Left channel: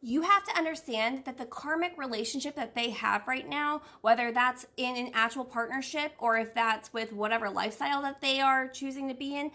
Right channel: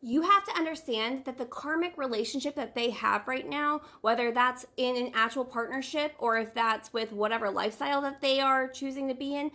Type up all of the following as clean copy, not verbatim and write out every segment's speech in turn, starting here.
You have to understand that the karmic relationship that they have right now, whether that's in an actual partnership or if that's with whatever lifestyle that they are choosing to be in,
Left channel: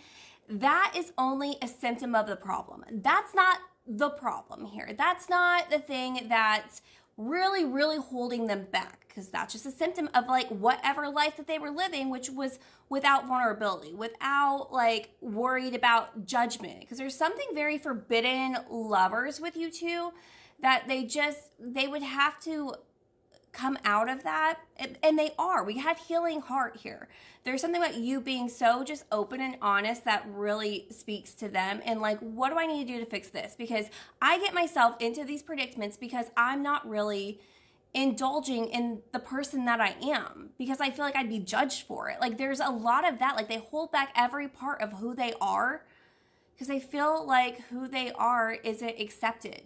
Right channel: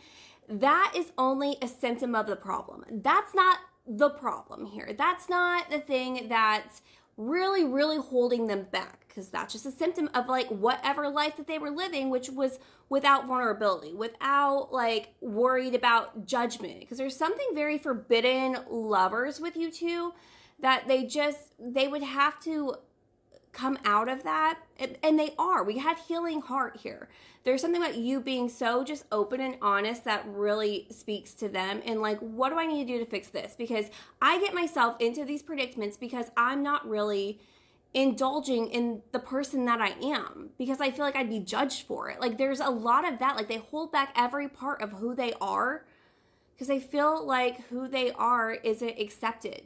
that is only a symptom of the problem. That's not the problem here. That's not the thing that's really, really holding them back, because that's just a symptom of like whatever life that they were living, which was without vulnerability, without like worried about judgment. Because there's something very forbidden lovers with you two that they would have to come out of that, and they are. We have healing heart here. There's something about you being so just open and honest that really speaks to them, and like, what do I need to do to fix this? Because I get myself into these predicaments because I'm not really indulging in the person that I am, because I feel like I'd be judged for it. Like, there's a lot of that. Like, they hold back every part of who they are because they feel like who they are isn't accepted.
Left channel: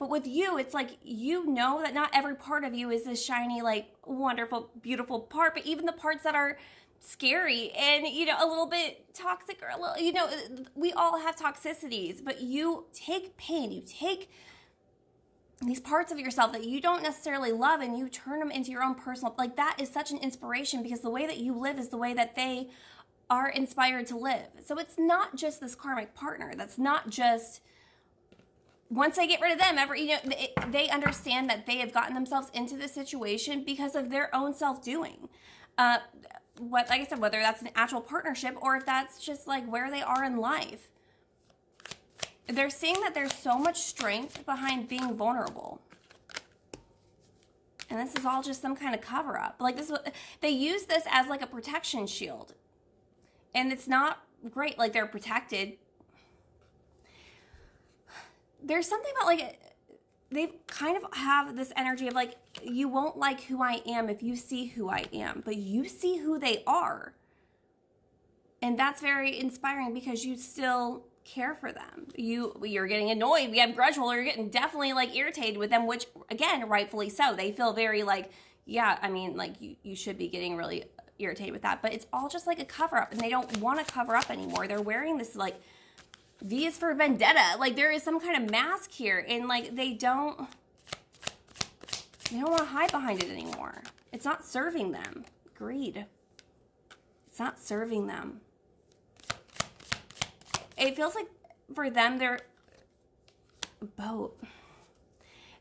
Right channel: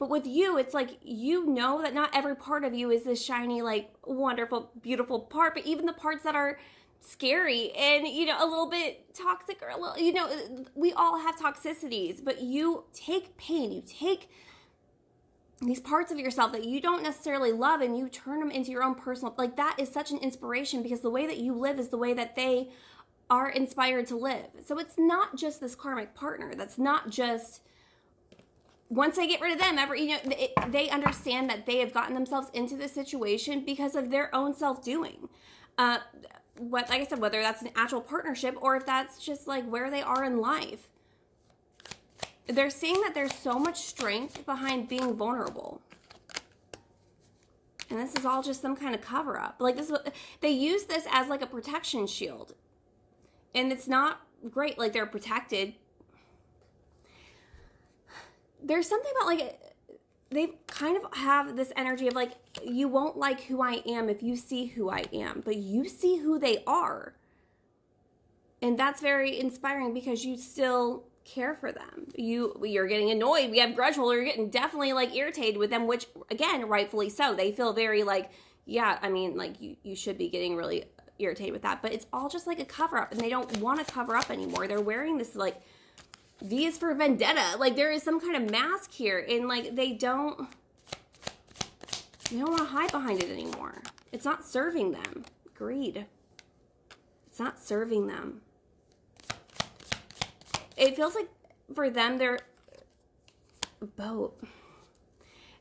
But with you, it's like, you know that not every part of you is this shiny, like, wonderful, beautiful part, but even the parts that are scary and, you know, a little bit toxic, or a little, you know, we all have toxicities, but you take pain, you take these parts of yourself that you don't necessarily love, and you turn them into your own personal, like, that is such an inspiration, because the way that you live is the way that they are inspired to live. So it's not just this karmic partner. That's not just, once they get rid of them, they understand that they have gotten themselves into this situation because of their own self-doing. Like I said, whether that's an actual partnership or if that's just like where they are in life. They're seeing that there's so much strength behind being vulnerable. And this is all just some kind of cover-up. Like, this, they use this as like a protection shield. And it's not great. Like, they're protected. There's something about, like, they kind of have this energy of like, you won't like who I am if you see who I am, but you see who they are. And that's very inspiring, because you still care for them. You're getting annoyed. We have grudge holder. You're getting definitely like irritated with them, which, again, rightfully so. They feel very like, yeah, I mean, like, you should be getting really irritated with that, but it's all just like a cover up, and they don't want to cover up anymore. They're wearing this like V is for vendetta. Like, there is some kind of mask here, and like, they don't want to hide behind it anymore. It's not serving them. Greed. It's not serving them. It feels like for them, they're both,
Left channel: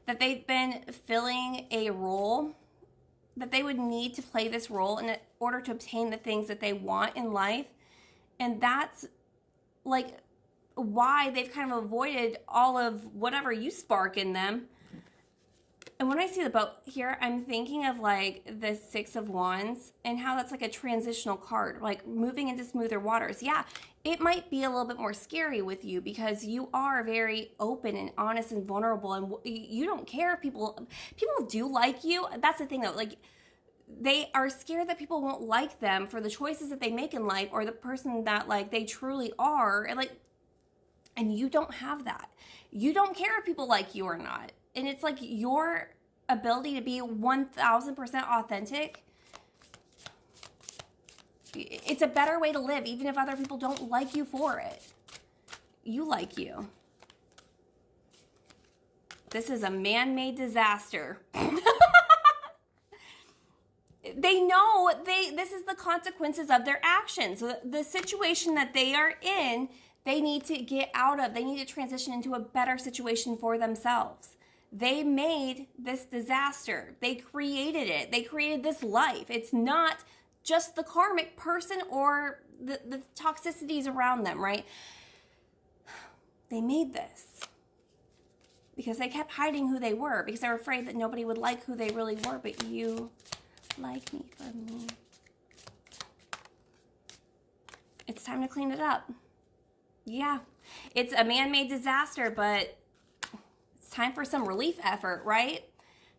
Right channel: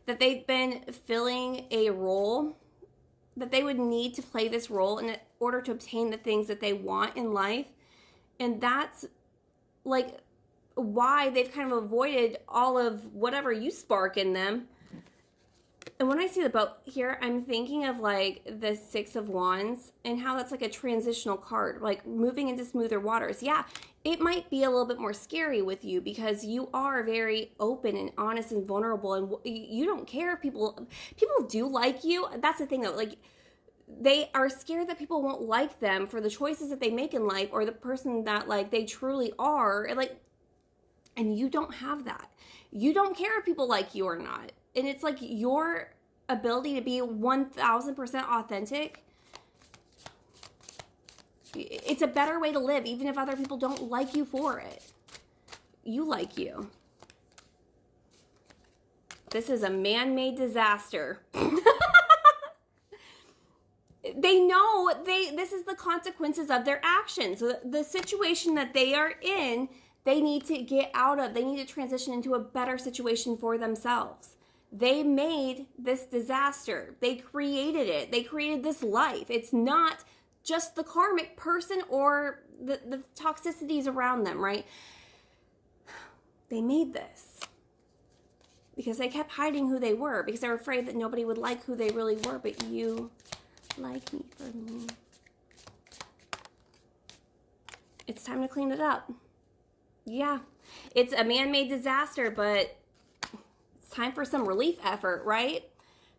that they've been filling a role, that they would need to play this role in order to obtain the things that they want in life. And that's like why they've kind of avoided all of whatever you spark in them. And when I see the boat here, I'm thinking of like the Six of Wands and how that's like a transitional card, like moving into smoother waters. Yeah, it might be a little bit more scary with you because you are very open and honest and vulnerable, and you don't care if people do like you. That's the thing though, like, they are scared that people won't like them for the choices that they make in life, or the person that like they truly are. And you don't have that. You don't care if people like you or not. And it's like your ability to be 1000% authentic. It's a better way to live, even if other people don't like you for it. You like you. This is a man-made disaster. They know this is the consequences of their actions. The situation that they are in, they need to get out of. They need to transition into a better situation for themselves. They made this disaster. They created it. They created this life. It's not just the karmic person or the toxicities around them, right? They made this because they kept hiding who they were, because they were afraid that nobody would like who they really were, but you like me for me. It's time to clean it up. Yeah, it's a man-made disaster, but it's time for some relief effort, right?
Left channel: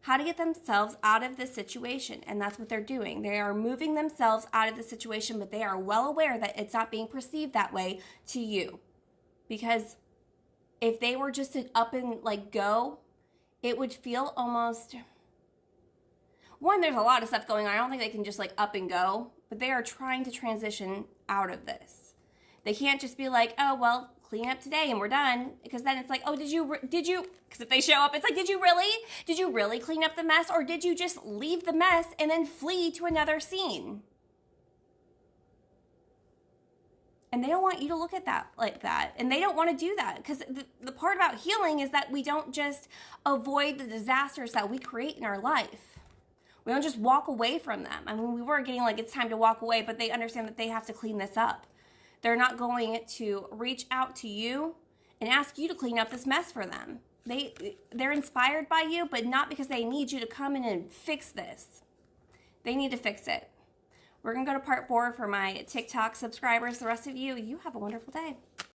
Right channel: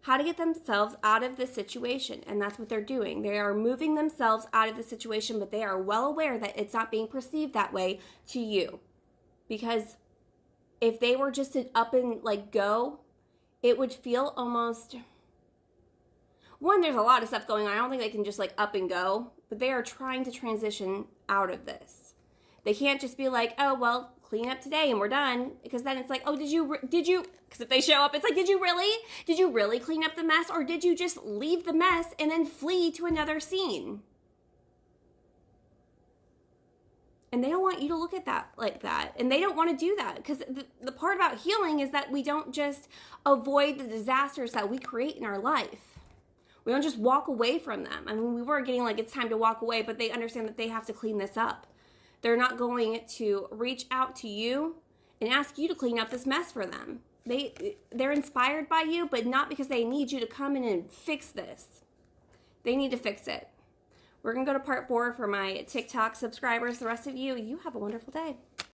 How to get themselves out of this situation, and that's what they're doing. They are moving themselves out of the situation, but they are well aware that it's not being perceived that way to you. Because if they were just to up and like go, it would feel almost... One, there's a lot of stuff going on. I don't think they can just like up and go, but they are trying to transition out of this. They can't just be like, oh, well, clean up today and we're done. Because then it's like, oh, did you, because if they show up, it's like, did you really clean up the mess? Or did you just leave the mess and then flee to another scene? And they don't want you to look at that like that. And they don't want to do that. Because the part about healing is that we don't just avoid the disasters that we create in our life. We don't just walk away from them. I mean, we were getting like, it's time to walk away, but they understand that they have to clean this up. They're not going to reach out to you and ask you to clean up this mess for them. They're inspired by you, but not because they need you to come in and fix this. They need to fix it. We're going to go to part 4 for my TikTok subscribers. The rest of you, you have a wonderful day.